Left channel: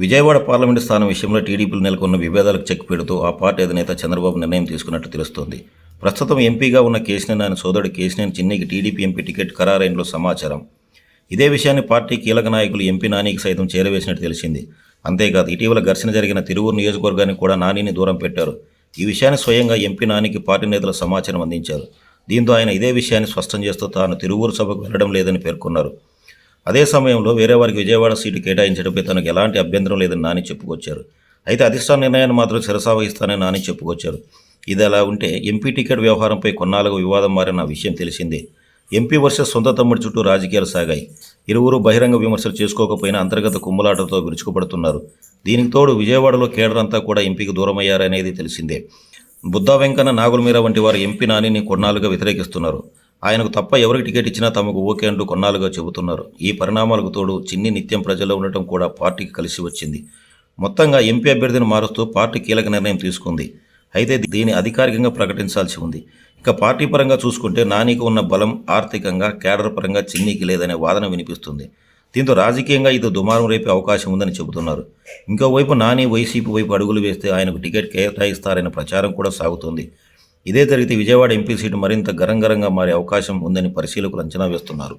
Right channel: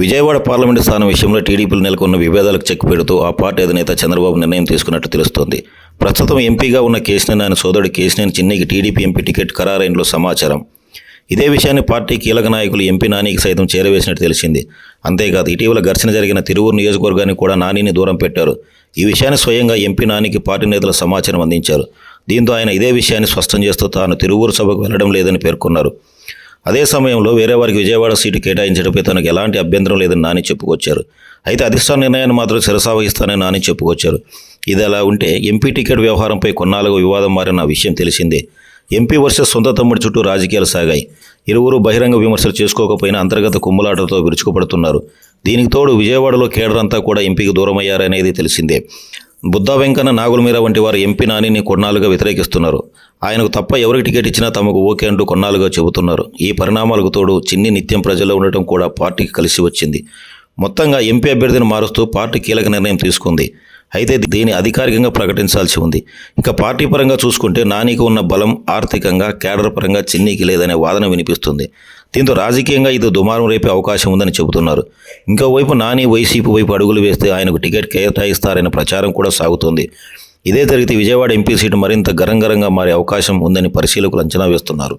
Vijayawada parliament స్థానం విషయంలో టీడీపీలో నెలకొన్న విభేదాలకు చెక్ పెడుతూ ఆ పార్టీ అధినేత చంద్రబాబు నిర్ణయం తీసుకున్నట్టు తెలుస్తోంది. ప్రస్తుతం ఎంపీగా ఉన్న కేశినేని ఆయన సోదరుడు కేశినేని చిన్నికి టీడీపీ ఎంపీ టికెట్ ఖరారైనట్లు సమాచారం. ఇదే విషయాన్ని పార్టీ కీలక నాయకులు ఎంపీ నానికి సైతం చేరవేసినట్టు తెలిసింది. అంతేకాదు ఇటీవల ఘర్షణ జరిగిన తిరువూరు నియోజకవర్గానికి కూడా నానిని దూరం పెట్టారు. ఈ విషయాన్ని స్వయంగా ఎంపీ నానికి పార్టీ నేతలు సమాచారం అందించారు. దీంతో ఆయన ఇదే విషయాన్ని స్పష్టం చేస్తూ తాను తిరువూరు సభకు వెళ్లడం లేదని పేర్కొన్నారు. అదే సమయంలో వేరే వారికి విజయవాడ సీటు కేటాయించడంపై తనకు ఎలాంటి అభ్యంతరం లేదని నాని చెప్పుకొచ్చారు. అయితే అధిష్టాన నిర్ణయాన్ని మాత్రం శిరసావహిస్తానని నాని చెప్పుకొచ్చారు. ఇది అలా ఉంటే ఎంపీ టికెట్ వ్యవహారంపై కొన్నాళ్ళుగా వివాదం మారిన విషయం తెలిసిందే. ఎంపీ వర్సెస్ సొంత తమ్ముడి చుట్టూ రాజకీయాలు సాగాయి. ఇరువురు బహిరంగ విమర్శలు చేసుకోకపోయినా అంతర్గత కుమ్ములాటలతో విరుచుకుపడుతున్నారు. దీనికి తోడు విజయవాడలో కేడర్ అంతా కూడా ఎంపీకి దూరమయ్యారనేది తెలిసిందే. బుద్దా వెంకన్న, నాగుల మీరా వంటి వారు ఎంపీ నానిని కొన్నాళ్ళుగా వ్యతిరేకిస్తున్నారు. ఆయనకు తప్ప ఎవరికి టికెట్ ఇచ్చినా తమకు ఓకే అంటూ కొన్నాళ్ళుగా చెబుతున్నారు. ఈ పరిణామాలకు తోడు చిన్ని నిత్యం ప్రజల్లో ఉండటం కూడా పార్టీకి కలిసి వచ్చింది. మొత్తంగా ఎంపీ అభ్యర్థిని మారుస్తూ పార్టీ కీలక నిర్ణయం తీసుకుంది. అయితే దీన్ని అధికారికంగా ప్రకటించాల్సి ఉంది. ఇక పార్టీ పరంగా చూసుకుంటే నానికి ఉన్న బలం ఆర్థికంగా, కేడర్ పరంగా చిన్నికి లేదనే వాదన వినిపిస్తుంది. దీంతో రాజకీయంగా ఇది దుమారం రేపే అవకాశం ఉందని చెబుతున్నారు. ఇంకోవైపు నాని వైసీపీ వైపు అడుగులు వేస్తే ఆయనకు టికెట్ కేటాయిస్తారనే ప్రచారం కూడా సాగుతోంది. ఇదే జరిగితే విజయవాడ ఎంపీ సీటు మరింత గరంగరంగా మారే అవకాశం ఉందని పరిశీలకులు అంచనా వేస్తున్నారు.